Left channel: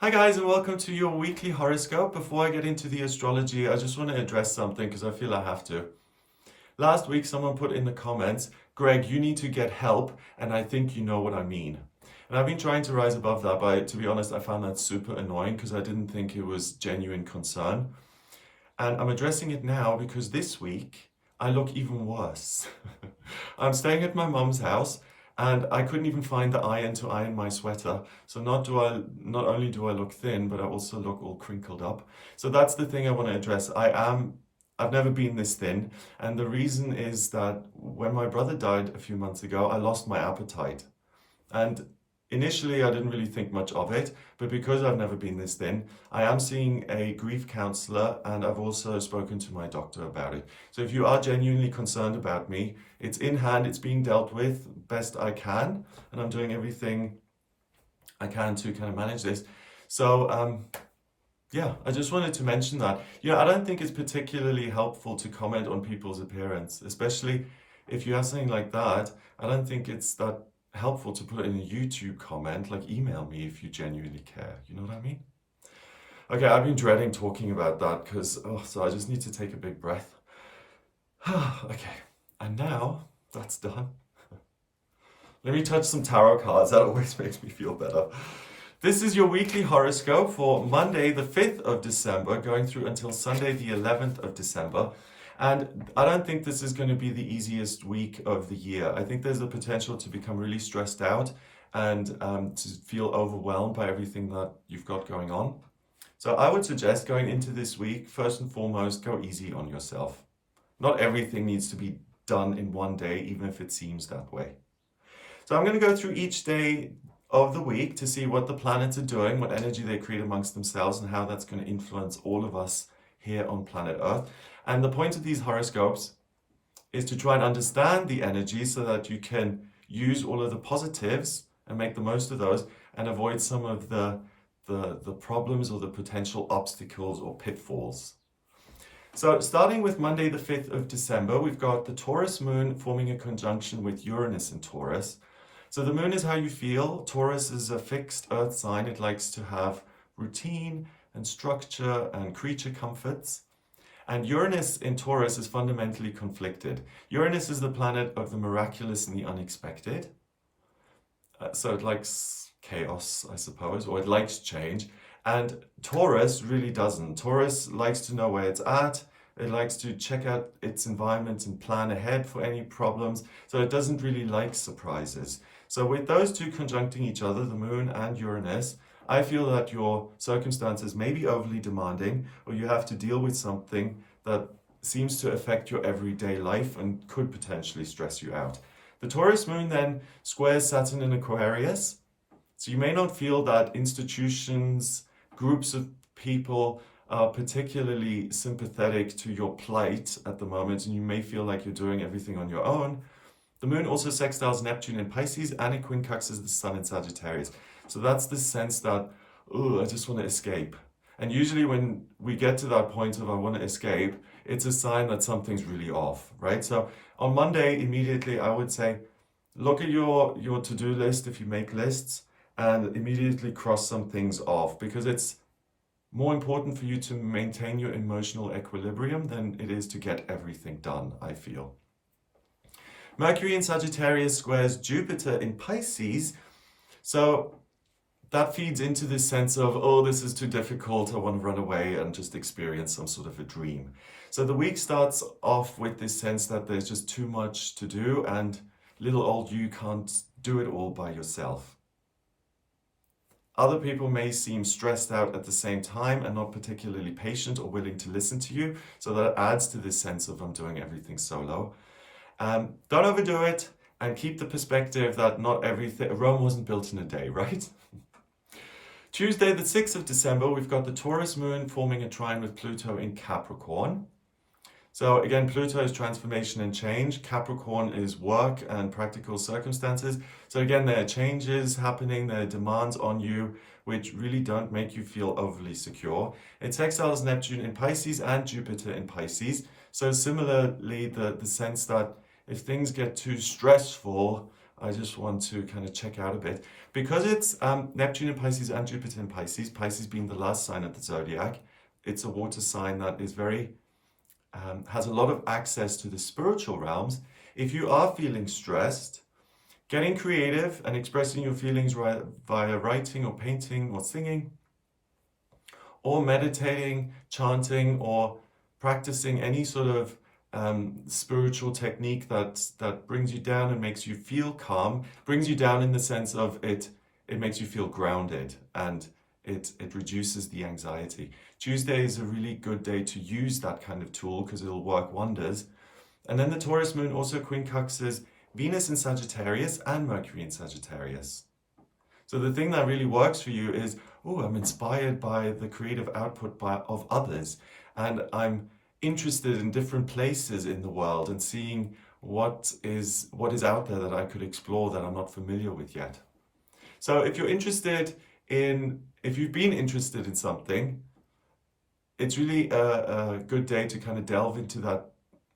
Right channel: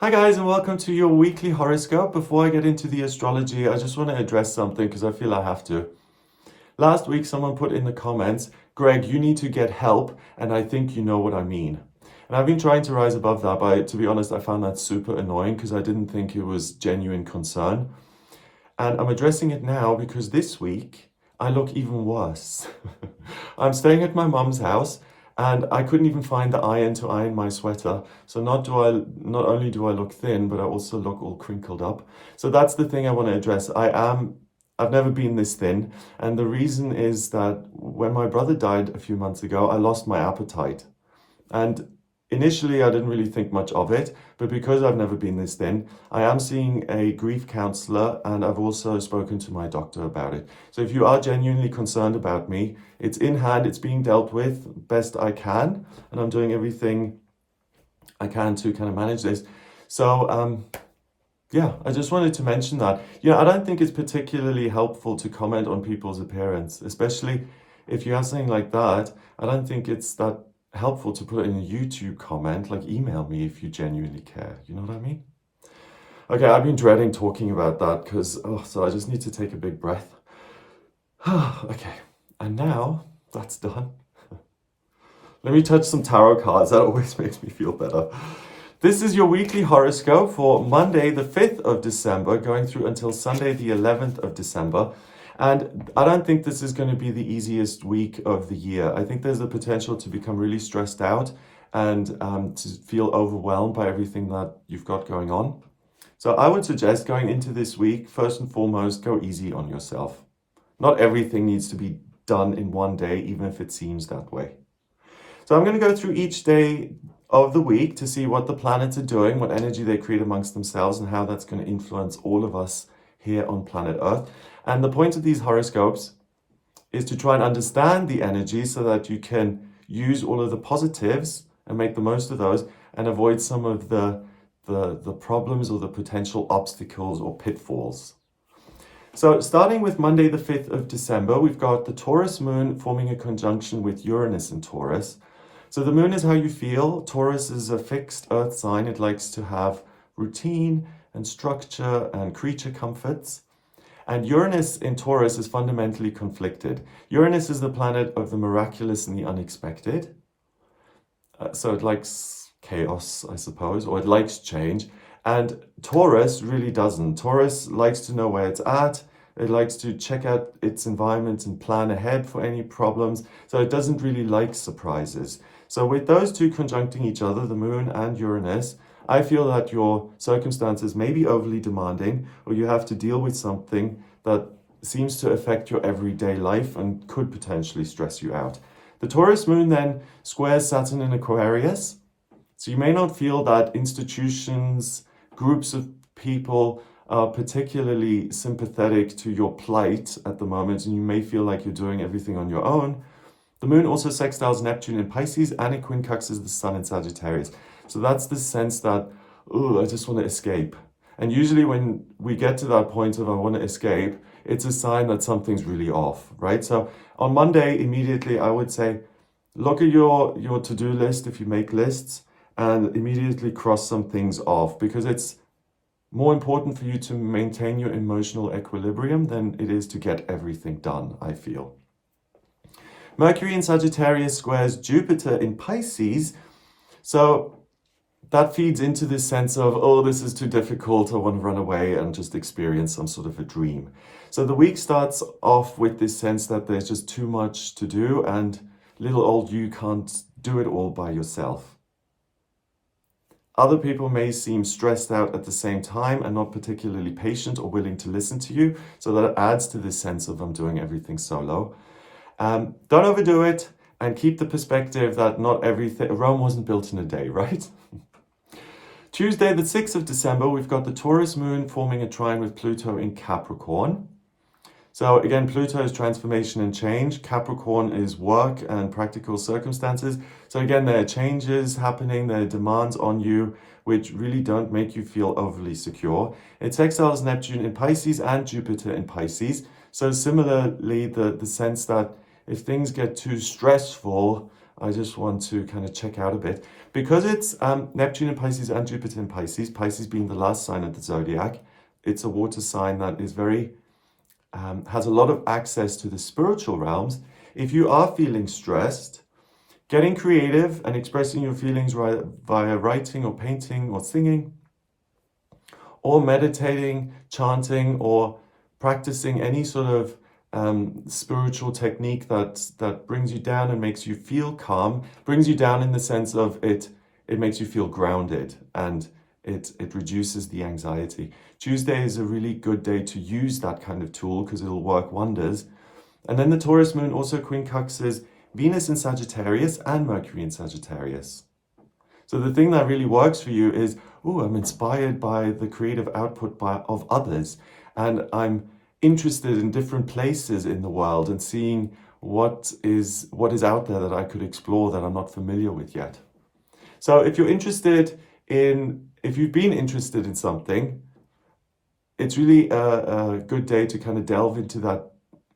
Hi guys, and welcome to your weekly horoscope. Before I get into the astrology, I just want to address something because I feel I have to. Last week, someone put in the comments, Greg, you need to get help, and I think you know what I mean. And I've been trying to rise above that, but to be honest, I found that super annoying because I didn't think it was genuine concern. And I'm addressing it now because this week I look even worse. I'm staying at my mum's house and I couldn't even find the iron to iron my sweater. So not only do I look thin, but I also look all crinkled up. So that's the thing I want to address. I've never been this thin, and the reason is that when my brother died a few months ago, I lost my appetite. And initially, I didn't really think much of it, but because I've never been this thin, I am seeing a grief counselor and I've also spoken to my doctor about it. So if you are genuinely concerned about me, it's in hand, it's being dealt with best I can, and I'm doing everything I can to kind of manage this. So, yeah, I just wanted to mention that. I don't think it's particularly helpful to comment on people's appearance, especially if you have something like that. I don't think it's that helpful to put it in a YouTube comment. Like, email me if you genuinely care. You know what I mean? Okay, I've been dreading talking about that because, so I just need to take a big breath. Okay, and now that's done. Let me touch some tarot cards. That always makes me feel better. This is your weekly horoscope for Monday, the 5th of December, going through until Sunday, the 11th of December. And I don't think this is going to be the easiest week of the year. I think there's the potential to become really stressed out and to feel overwhelmed by everything that you've got going on. So I would suggest going into this week, first and foremost, go easy on yourself. Not everything needs to be done in one day, even if it seems that way. So I'm going to go through each day of the week to see what the planets are doing, what energy they create amongst themselves, and how that's going to influence all of us here on planet Earth. And the point of these horoscopes is to try and understand the energy so that you can use all of the positives and make the most of those and avoid some of the problems or the potential obstacles or pitfalls. So starting with Monday, the 5th of December, we've got the Taurus moon forming a conjunction with Uranus in Taurus. So the moon is how you feel. Taurus is a fixed earth sign. It likes to have routine and structure and creature comforts. And Uranus in Taurus is fundamentally conflicted. Uranus is the planet of the miraculous and the unexpected. So it likes chaos, I suppose, or it likes change. And Taurus really doesn't. Taurus likes to know where it's at. It likes to check out its environment and plan ahead for any problems. So it doesn't really like surprises. So with those two conjuncting each other, the moon and Uranus, I feel that your circumstances may be overly demanding, or you have to deal with something that seems to affect your everyday life and could potentially stress you out. The Taurus moon then squares Saturn in Aquarius. So you may not feel that institutions, groups of people are particularly sympathetic to your plight at the moment, and you may feel like you're doing everything on your own. The moon also sextiles Neptune in Pisces and it quincunxes the sun in Sagittarius. So that's the sense that, I just want to escape. And usually when we get to that point of I want to escape, it's a sign that something's really off, right? So on Monday, immediately, I would say, look at your to-do list if you make lists and immediately cross some things off because it's more important for you to maintain your emotional equilibrium than it is to get everything done, I feel. Mercury in Sagittarius squares Jupiter in Pisces. So that feeds into this sense of, this is too difficult, I want to run away and just experience some sort of a dream. So the week starts off with this sense that there's just too much to do and little old you can't do it all by yourself. Other people may seem stressed out at the same time and not particularly patient or willing to listen to you. So that adds to this sense of I'm doing everything solo. Don't overdo it and keep the perspective that not everything, Rome wasn't built in a day, right? Tuesday, the 6th of December, we've got the Taurus moon forming a trine with Pluto in Capricorn. So again, Pluto is transformation and change. Capricorn is work and practical circumstances. So again, there are changes happening, there are demands on you, which really don't make you feel overly secure. It sextiles Neptune in Pisces and Jupiter in Pisces. So similarly, the sense that if things get too stressful, I just want to kind of check out a bit. Because it's Neptune in Pisces and Jupiter in Pisces, Pisces being the last sign of the zodiac, it's a water sign that is very, has a lot of access to the spiritual realms. If you are feeling stressed, getting creative and expressing your feelings via writing or painting or singing, or meditating, chanting, or practicing any sort of spiritual technique that brings you down and makes you feel calm, brings you down in the sense of it makes you feel grounded, and it reduces the anxiety. Tuesday is a really good day to use that kind of tool because it'll work wonders. And then the Taurus moon also quincunxes Venus in Sagittarius and Mercury in Sagittarius. So the thing that really works for you is, I'm inspired by the creative output of others, and I'm interested in different places in the world and seeing what is out there that I could explore that I'm not familiar with yet. So if you've been interested in something, it's really a good day to kind of delve into that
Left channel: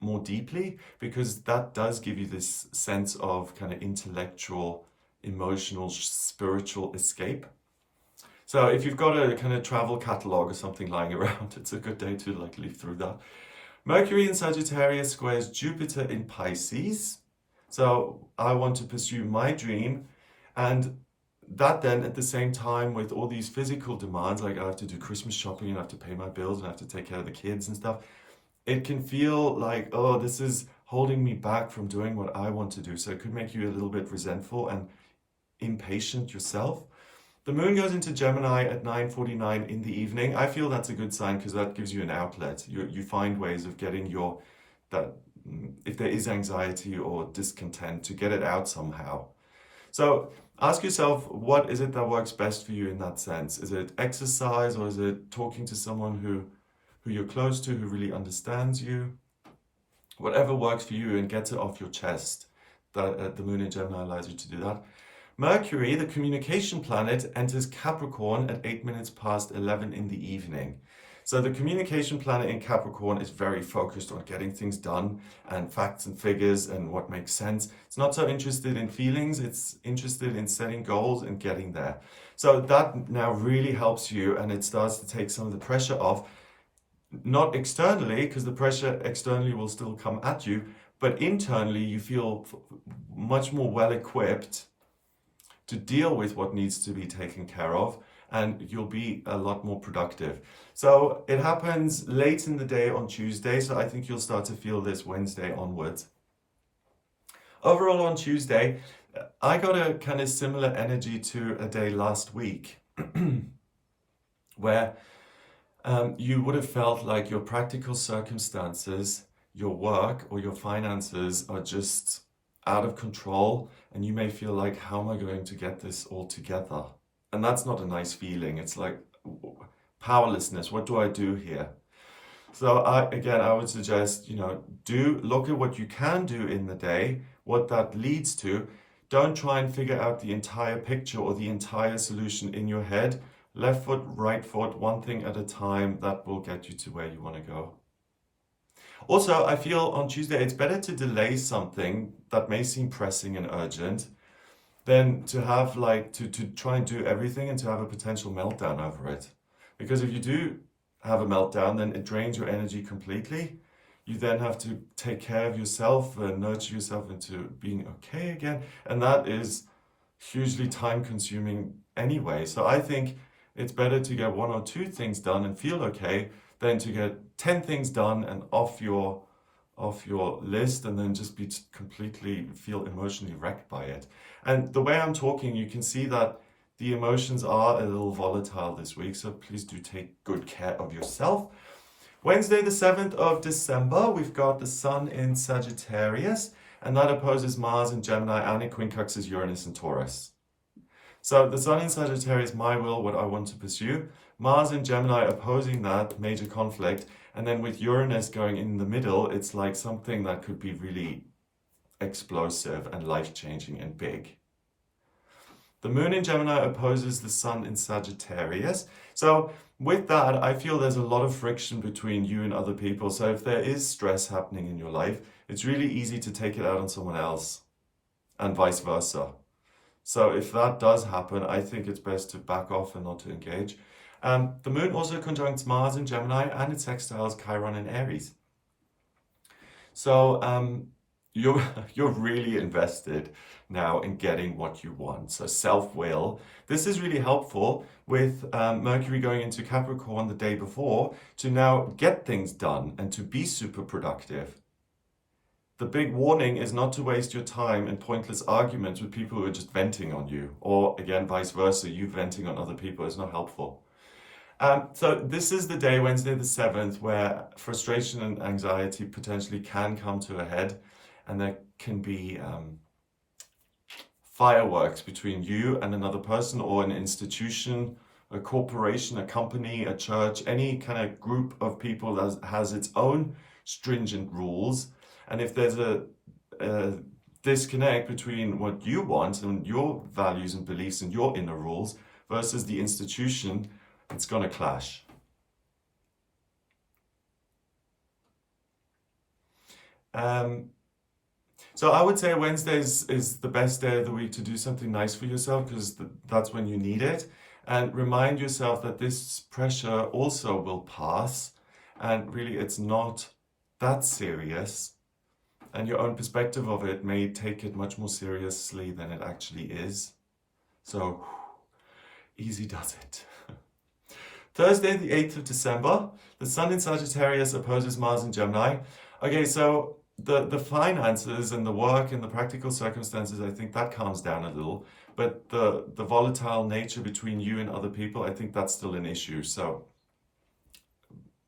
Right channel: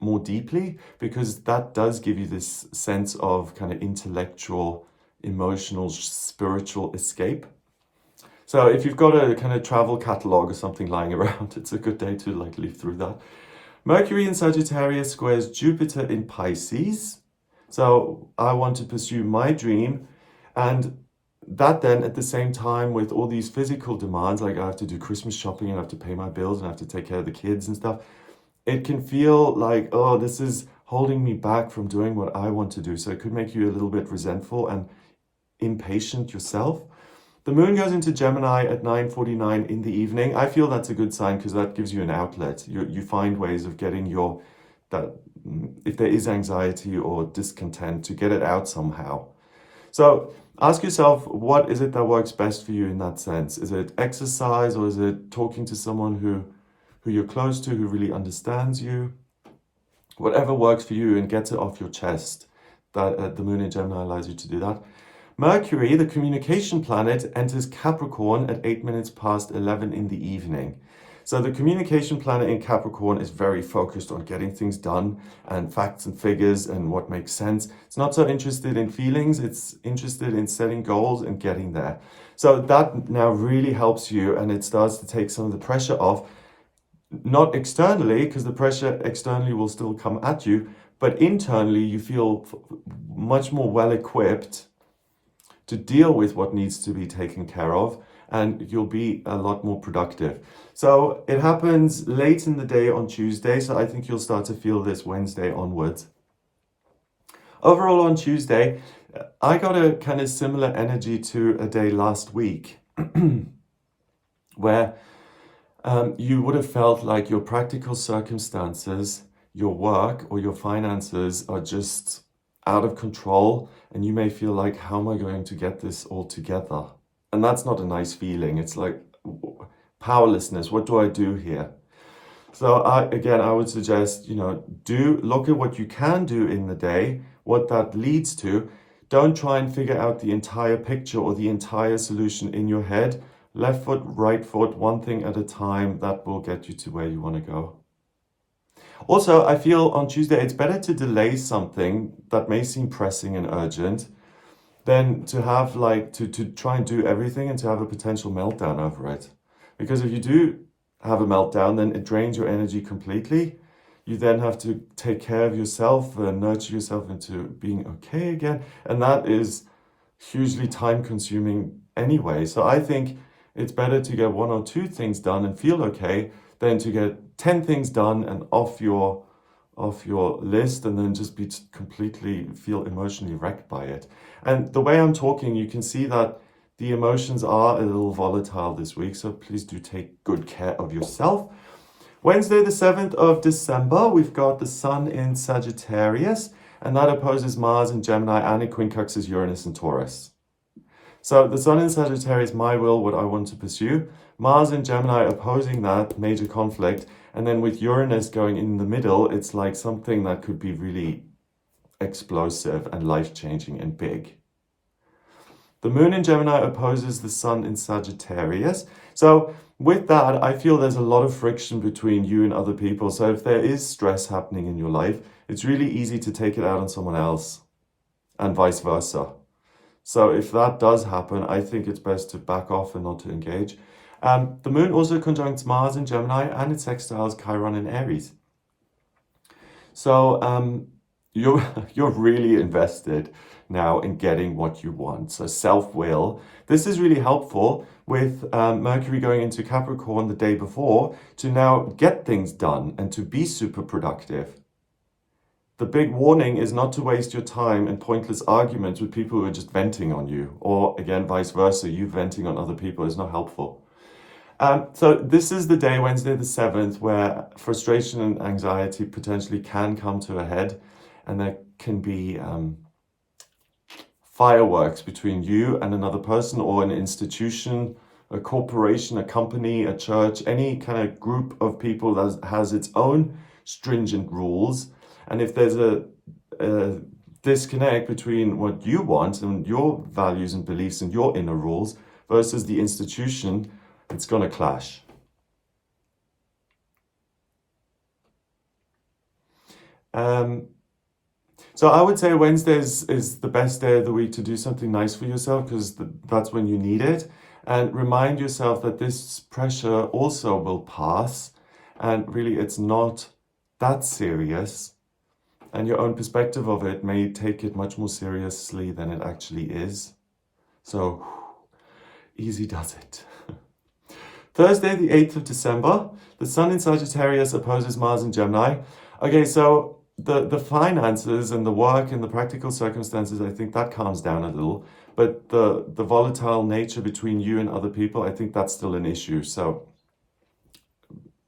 more deeply, because that does give you this sense of kind of intellectual, emotional, spiritual escape. So if you've got a kind of travel catalog or something lying around, it's a good day to like leaf through that. Mercury in Sagittarius squares Jupiter in Pisces. So I want to pursue my dream, and that then at the same time with all these physical demands, like I have to do Christmas shopping and I have to pay my bills and I have to take care of the kids and stuff, it can feel like, this is holding me back from doing what I want to do. So it could make you a little bit resentful and impatient yourself. The moon goes into Gemini at 9:49 in the evening. I feel that's a good sign because that gives you an outlet. You find ways of getting if there is anxiety or discontent, to get it out somehow. So ask yourself, what is it that works best for you in that sense? Is it exercise, or is it talking to someone who you're close to, who really understands you? Whatever works for you and gets it off your chest. That the moon in Gemini allows you to do that. Mercury, the communication planet, enters Capricorn at 8 minutes past 11 in the evening. So the communication planet in Capricorn is very focused on getting things done and facts and figures and what makes sense. It's not so interested in feelings, it's interested in setting goals and getting there. So that now really helps you, and it starts to take some of the pressure off. Not externally, because the pressure externally will still come at you, but internally you feel much more well equipped to deal with what needs to be taken care of, and you'll be a lot more productive. So it happens late in the day on Tuesday, so I think you'll start to feel this Wednesday onwards. Overall on Tuesday, I got a kind of similar energy to a day last week where you would have felt like your practical circumstances, your work or your finances are just out of control, and you may feel like, how am I going to get this all together? And that's not a nice feeling. It's like powerlessness. What do I do here? So I would suggest, look at what you can do in the day, what that leads to. Don't try and figure out the entire picture or the entire solution in your head. Left foot, right foot, one thing at a time. That will get you to where you want to go. Also, I feel on Tuesday, it's better to delay something that may seem pressing and urgent than to have to try and do everything and to have a potential meltdown over it. Because if you do have a meltdown, then it drains your energy completely. You then have to take care of yourself and nurture yourself into being okay again. And that is hugely time consuming anyway. So I think it's better to get 1 or 2 things done and feel okay than to get 10 things done and off your list and then just be completely feel emotionally wrecked by it. And the way I'm talking, you can see that the emotions are a little volatile this week, so please do take good care of yourself. Wednesday, the 7th of December, we've got the Sun in Sagittarius, and that opposes Mars in Gemini, and it quincunxes Uranus in Taurus. So the Sun in Sagittarius, my will, what I want to pursue. Mars in Gemini opposing that, major conflict. And then with Uranus going in the middle, it's like something that could be really explosive and life-changing and big. The Moon in Gemini opposes the Sun in Sagittarius. So with that, I feel there's a lot of friction between you and other people. So if there is stress happening in your life, it's really easy to take it out on someone else. and vice versa. So if that does happen, I think it's best to back off and not to engage. The moon also conjuncts Mars in Gemini and it sextiles Chiron in Aries. So you're you're really invested now in getting what you want. So self-will. This is really helpful with Mercury going into Capricorn the day before to now get things done and to be super productive. The big warning is not to waste your time in pointless arguments with people who are just venting on you, or again, vice versa, you venting on other people is not helpful. So this is the day, Wednesday the 7th, where frustration and anxiety potentially can come to a head, and there can be fireworks between you and another person or an institution, a corporation, a company, a church, any kind of group of people that has its own stringent rules. And if there's a disconnect between what you want and your values and beliefs and your inner rules versus the institution, it's going to clash. So I would say Wednesday is the best day of the week to do something nice for yourself because that's when you need it. And remind yourself that this pressure also will pass. And really, it's not that serious. And your own perspective of it may take it much more seriously than it actually is. So, easy does it. Thursday, the 8th of December, the Sun in Sagittarius opposes Mars in Gemini. Okay, so the finances and the work and the practical circumstances, I think that calms down a little. But the volatile nature between you and other people, I think that's still an issue. So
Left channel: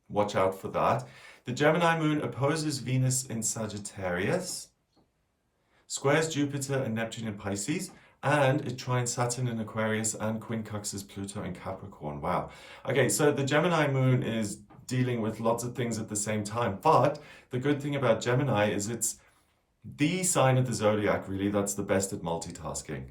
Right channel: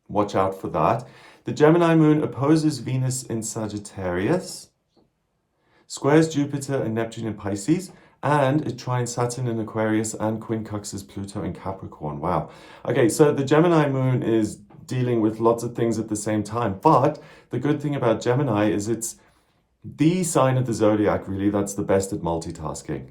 watch out for that. The Gemini moon opposes Venus in Sagittarius, squares Jupiter and Neptune in Pisces, and it trines Saturn in Aquarius and quincunxes Pluto in Capricorn. Wow. Okay, so the Gemini moon is dealing with lots of things at the same time. But the good thing about Gemini is it's the sign of the zodiac, really, that's the best at multitasking.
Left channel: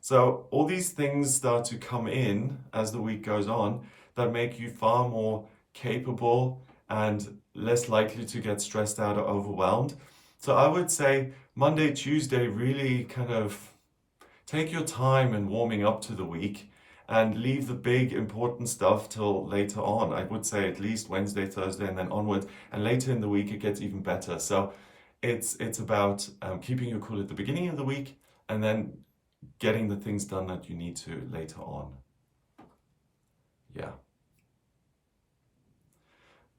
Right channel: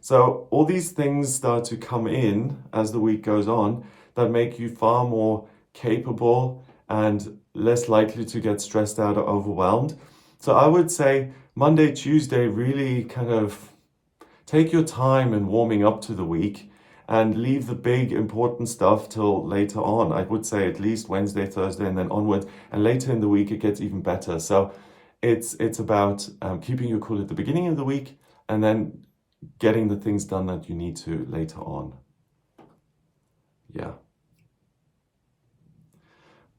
So all these things start to come in as the week goes on that make you far more capable and less likely to get stressed out or overwhelmed. So I would say Monday, Tuesday, really kind of take your time in warming up to the week and leave the big important stuff till later on. I would say at least Wednesday, Thursday, and then onwards. And later in the week, it gets even better. So it's about keeping your cool at the beginning of the week and then getting the things done that you need to later on. Yeah.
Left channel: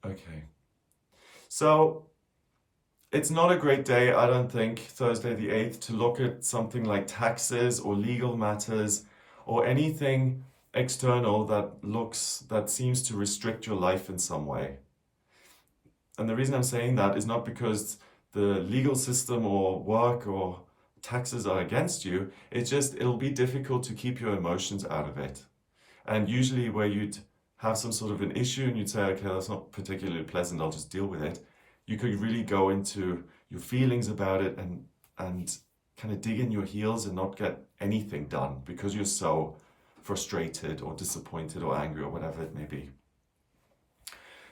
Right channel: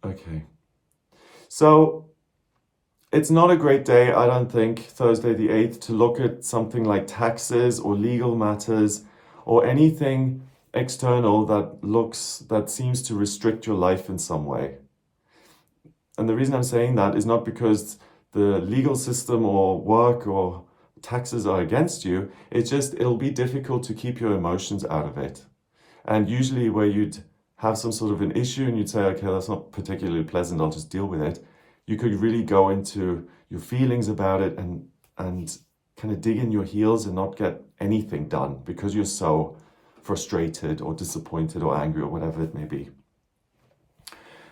Okay. So it's not a great day, I don't think, Thursday the 8th, to look at something like taxes or legal matters or anything external that seems to restrict your life in some way. And the reason I'm saying that is not because the legal system or work or taxes are against you. It's just it'll be difficult to keep your emotions out of it. And usually where you'd have some sort of an issue and you'd say, okay, that's not particularly pleasant, I'll just deal with it. You could really go into your feelings about it and kind of dig in your heels and not get anything done because you're so frustrated or disappointed or angry or whatever it may be.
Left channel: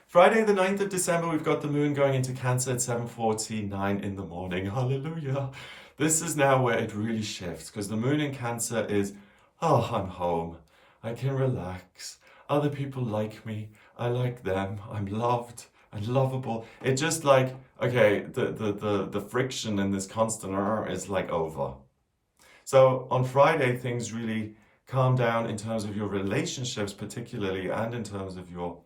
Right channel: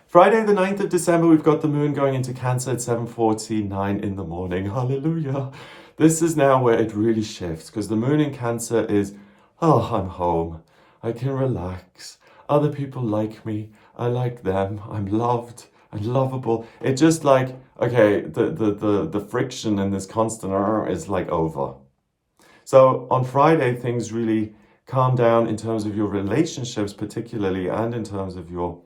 Friday, the 9th of December, we've got the moon going into Cancer at 7:49 in the morning. Hallelujah. This is now where it really shifts because the moon in Cancer is, oh, I'm home. I can relax. Other people like me. I like them. I'm loved and lovable. It's just like, okay, the friction and this constant is like over. So on Friday, things really calm down in terms of your relationships particularly and in terms of your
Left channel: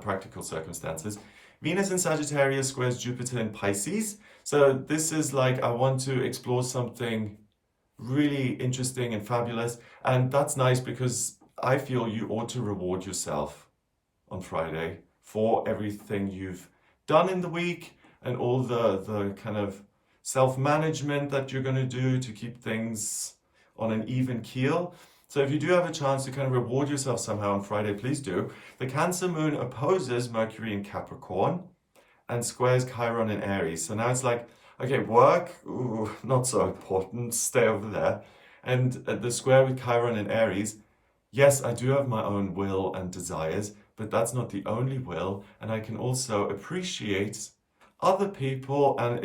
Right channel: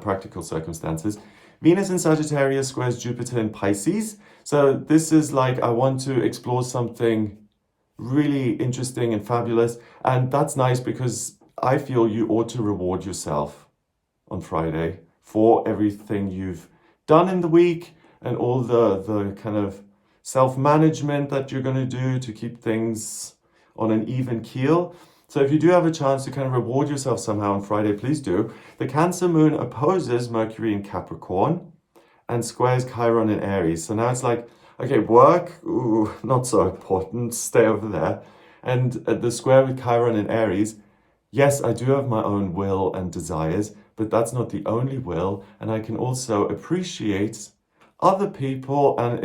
practical circumstances. Venus in Sagittarius squares Jupiter in Pisces. So this is like, I want to explore something really interesting and fabulous. And that's nice because I feel you ought to reward yourself on Friday for everything you've done in the week and all the kind of self-management that you're going to do to keep things on an even keel. So if you do have a chance to kind of reward yourself somehow on Friday, please do. The Cancer moon opposes Mercury in Capricorn and squares Chiron in Aries. So now it's like, okay, work, ooh, not so important, stay over there. And the square with Chiron in Aries, yes, I do have my own will and desires, but that's not the only will. And I can also appreciate other people, and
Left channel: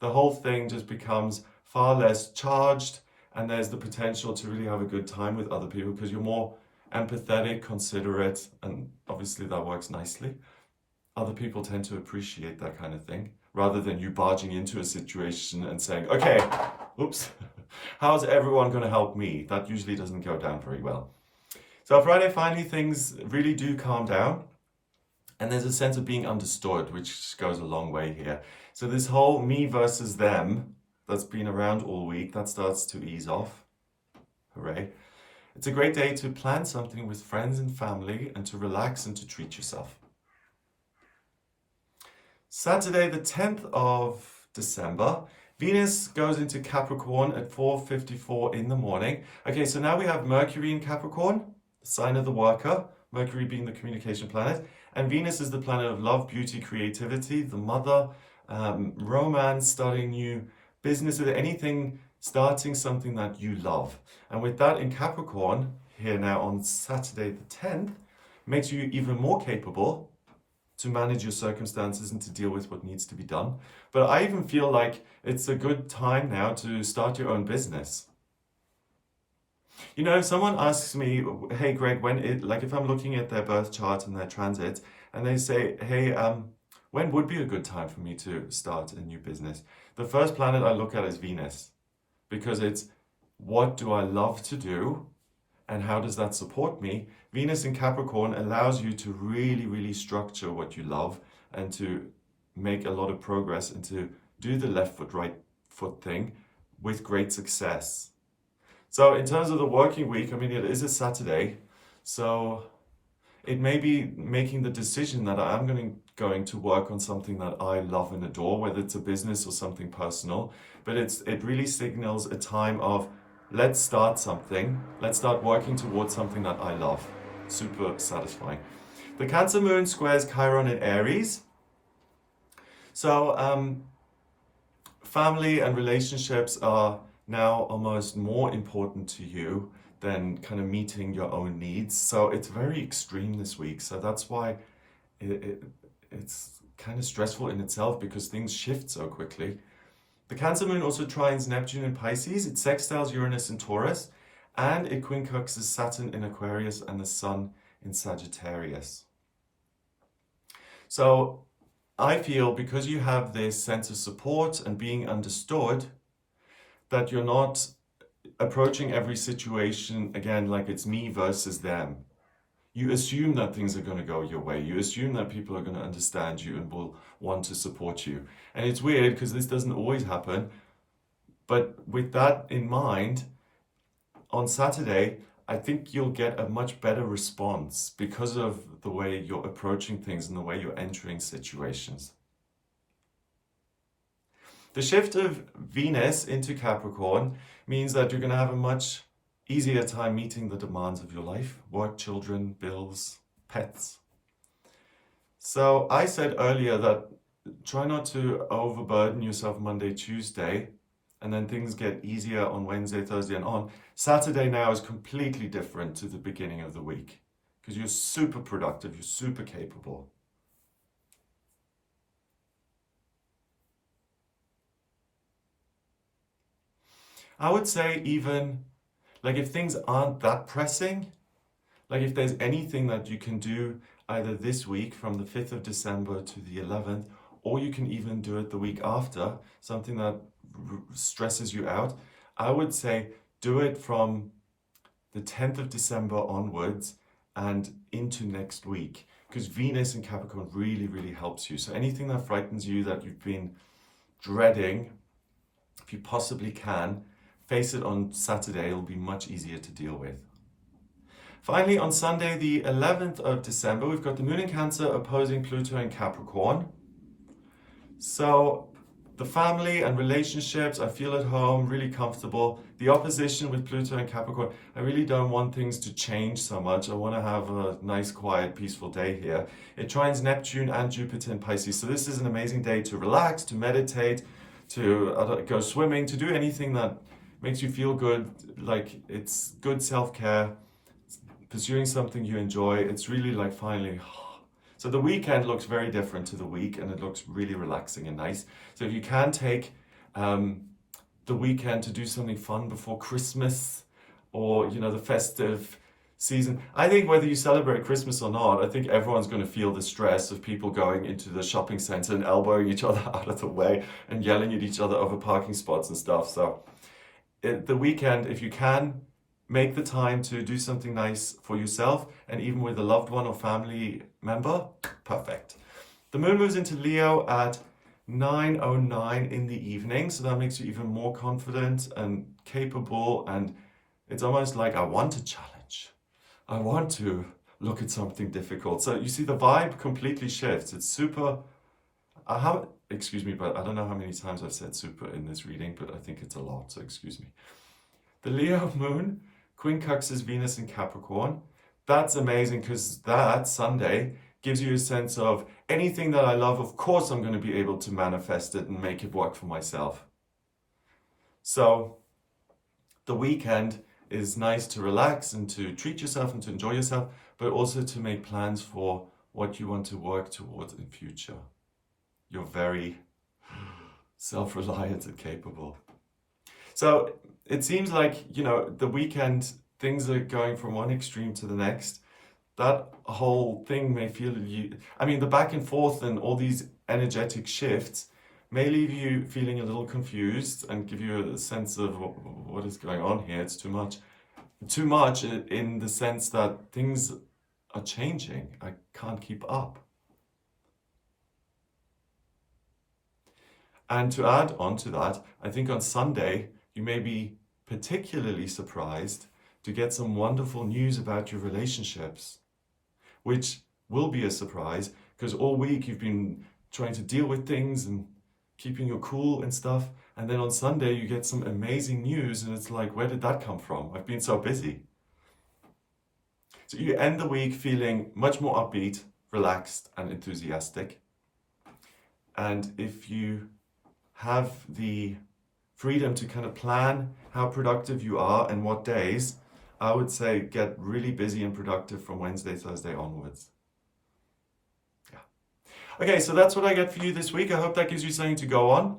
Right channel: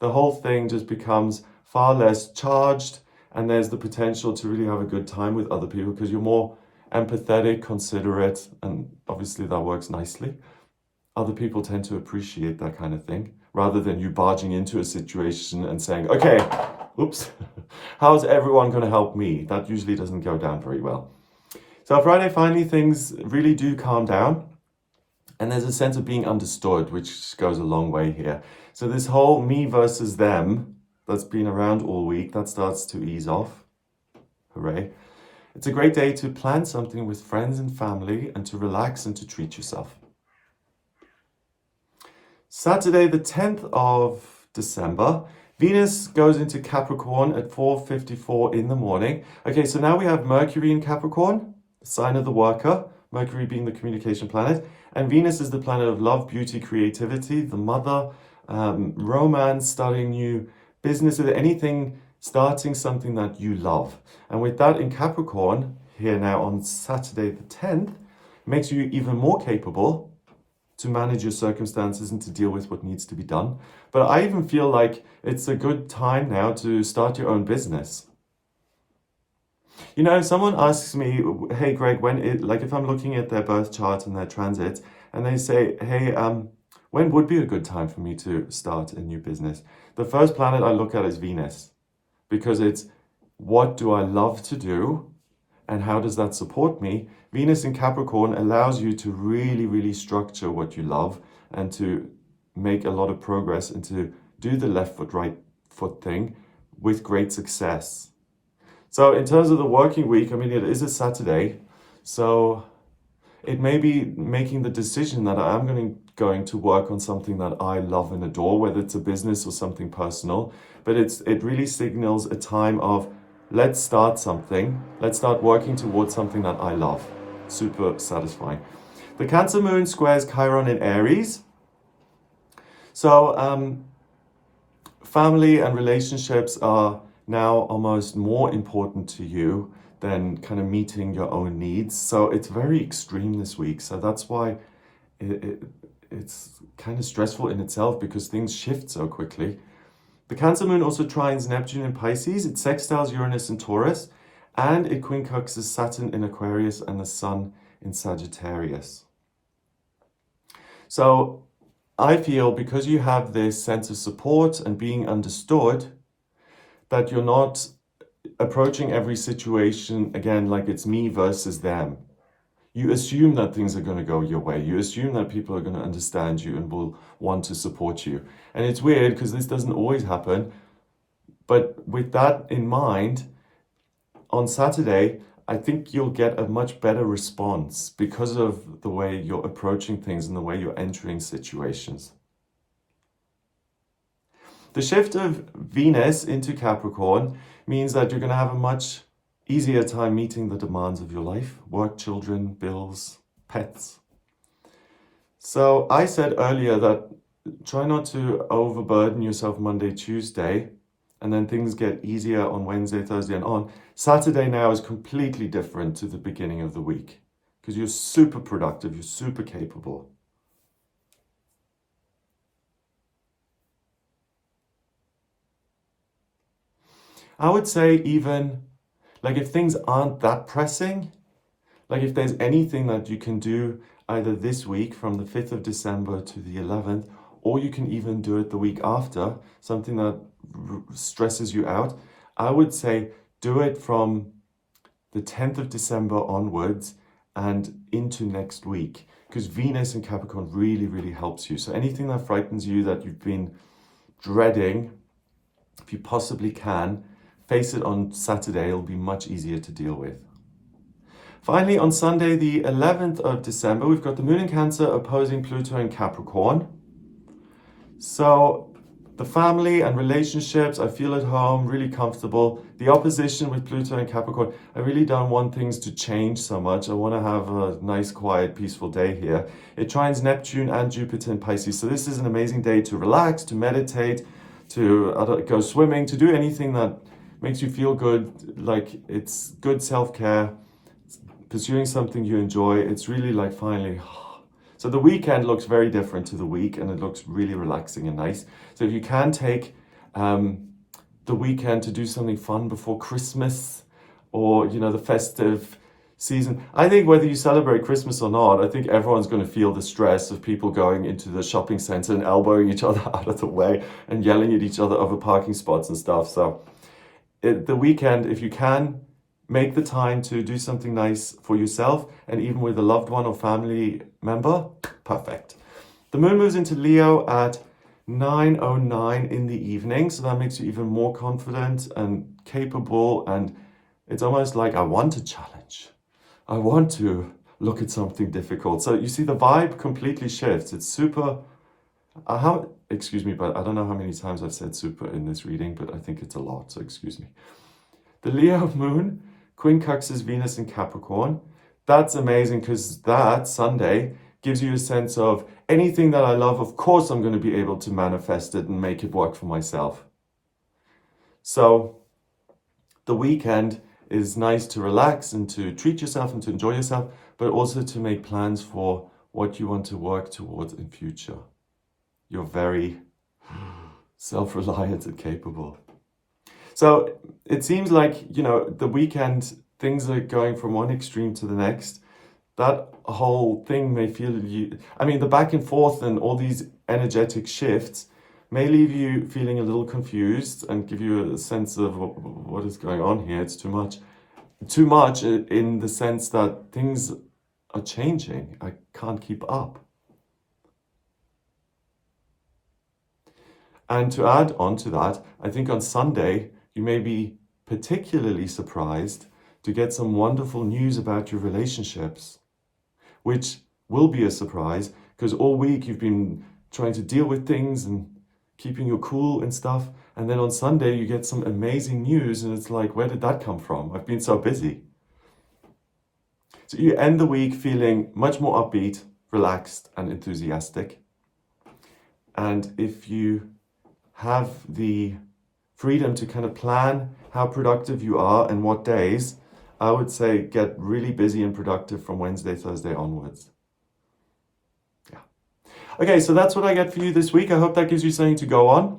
the whole thing just becomes far less charged, and there's the potential to really have a good time with other people because you're more empathetic, considerate, and obviously that works nicely. Other people tend to appreciate that kind of thing rather than you barging into a situation and saying, okay, oops, how's everyone going to help me? That usually doesn't go down very well. So Friday, finally, things really do calm down. And there's a sense of being understood, which goes a long way here. So this whole me versus them that's been around all week, that starts to ease off. Hooray. It's a great day to plan something with friends and family and to relax and to treat yourself. Saturday, the 10th of December, Venus goes into Capricorn at 4:54 in the morning. Okay, so now we have Mercury in Capricorn, the sign of the worker, Mercury being the communication planet, and Venus is the planet of love, beauty, creativity, the mother, romance, starting new businesses, anything, starting something that you love. And with that in Capricorn, here now on Saturday the 10th, makes you even more capable to manage your circumstances and to deal with what needs to be done. But I even feel like it's a good time now to start your own business. You know, if someone asks me, hey, Greg, if I'm looking at their birth chart and their transits, and they say, hey, when would be a good time for me to start a new business? The first planet I look at is Venus, because it's what do I love to do and how does that support me? Venus in Capricorn allows you to really, really structure what you love and to make a lot of progress and to do the left foot, right foot thing with great success. So in terms of the working week, I mean, it is a Saturday, so it may be making the decision that I'm going to work on something that I love and adore, whether it's a business or something personal, but it really signals a time of let's start something, let's start working towards something that I love. Super satisfying. The Cancer moon squares Chiron in Aries. So family and relationships are now almost more important to you than kind of meeting your own needs. So it's very extreme this week. So that's why it's kind of stressful in itself because things shift so quickly. The Cancer moon also trines Neptune in Pisces. It sextiles Uranus in Taurus, and it quincunxes Saturn in Aquarius and the Sun in Sagittarius. So I feel because you have this sense of support and being understood, that you're not approaching every situation again like it's me versus them. You assume that things are going to go your way. You assume that people are going to understand you and will want to support you. And it's weird because this doesn't always happen. But with that in mind, on Saturday, I think you'll get a much better response because of the way you're approaching things and the way you're entering situations. The shift of Venus into Capricorn means that you're going to have a much easier time meeting the demands of your life, work, children, bills, pets. So I said earlier that try not to overburden yourself Monday, Tuesday, and then things get easier on Wednesday, Thursday, and on. Saturday now is completely different to the beginning of the week because you're super productive, you're super capable. I would say even, like if things aren't that pressing, like if there's anything that you can do either this week from the 5th of December to the 11th, or you can even do it the week after, something that stresses you out, I would say do it from the 10th of December onwards and into next week, because Venus in Capricorn really, really helps you. So anything that frightens you, that you've been dreading, if you possibly can, face it on Saturday. It'll be much easier to deal with. Finally, on Sunday, the 11th of December, we've got the Moon in Cancer opposing Pluto in Capricorn. So the family and relationships, I feel at home, really comfortable. The opposition with Pluto in Capricorn, I really don't want things to change so much. I want to have a nice, quiet, peaceful day here. It trines Neptune and Jupiter in Pisces. So this is an amazing day to relax, to meditate, to go swimming, to do anything that makes you feel good, like it's good self-care, pursuing something you enjoy. It's really like finally. So the weekend looks very different to the week and it looks really relaxing and nice. So if you can take the the weekend to do something fun before Christmas or, the festive season. I think whether you celebrate Christmas or not, I think everyone's going to feel the stress of people going into the shopping center and elbowing each other out of the way and yelling at each other over parking spots and stuff. So the weekend, if you can, make the time to do something nice for yourself and even with a loved one or family member, perfect. The moon moves into Leo at 9:09 in the evening, so that makes you even more confident and capable, and it's almost like I want to challenge. I want to look at something difficult. So you see the vibe completely shifts. It's super, excuse me, but I don't know how many times I've said super in this reading, but I think it's a lot, so excuse me. The Leo moon quincunxes Venus in Capricorn. That's amazing because that Sunday gives you a sense of anything that I love, of course I'm going to be able to manifest it and make it work for myself. So the weekend is nice to relax and to treat yourself and to enjoy yourself, but also to make plans for what you want to work towards in future. You're very self-reliant and capable. So it seems like, the weekend, things are going from one extreme to the next. That whole thing may feel the back and forth and all these energetic shifts may leave you feeling a little confused and give you a sense of what is going on here. It's too much. Too much in the sense that things are changing. I can't keep up. And to add on to that, I think on Sunday, you may be particularly surprised to get some wonderful news about your relationships, which will be a surprise because all week you've been trying to deal with things and keeping your cool and stuff. And then on Sunday, you get some amazing news and it's like, where did that come from? I've been so busy. So you end the week feeling much more upbeat, relaxed, and enthusiastic. And if you have the freedom to kind of plan how productive you are and what days, I would say get really busy and productive from Wednesday, Thursday onwards. Yeah. Okay, so that's what I got for you this week. I hope that gives you something to go on.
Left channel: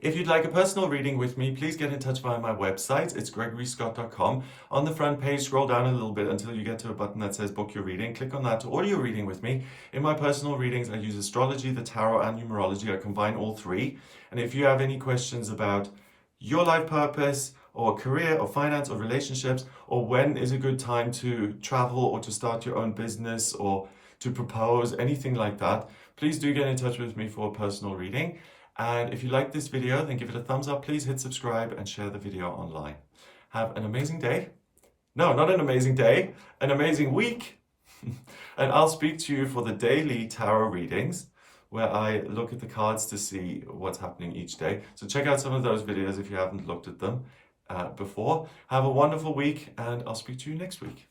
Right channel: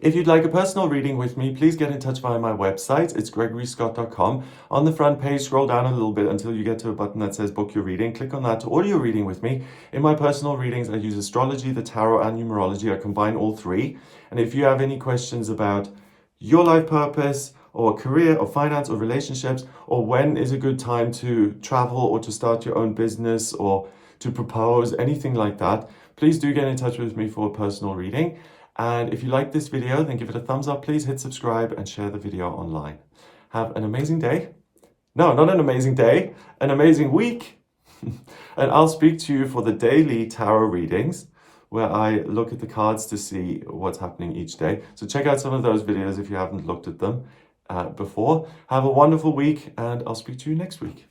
If you'd like a personal reading with me, please get in touch via my website. It's gregoryscott.com. On the front page, scroll down a little bit until you get to a button that says book your reading. Click on that to order your reading with me. In my personal readings, I use astrology, the tarot, and numerology. I combine all three. And if you have any questions about your life purpose or career or finance or relationships, or when is a good time to travel or to start your own business or to propose, anything like that, please do get in touch with me for a personal reading. And if you like this video, then give it a thumbs up, please hit subscribe and share the video online. Have an amazing day. No, not an amazing day, an amazing week. And I'll speak to you for the daily tarot readings where I look at the cards to see what's happening each day. So check out some of those videos if you haven't looked at them before. Have a wonderful week and I'll speak to you next week.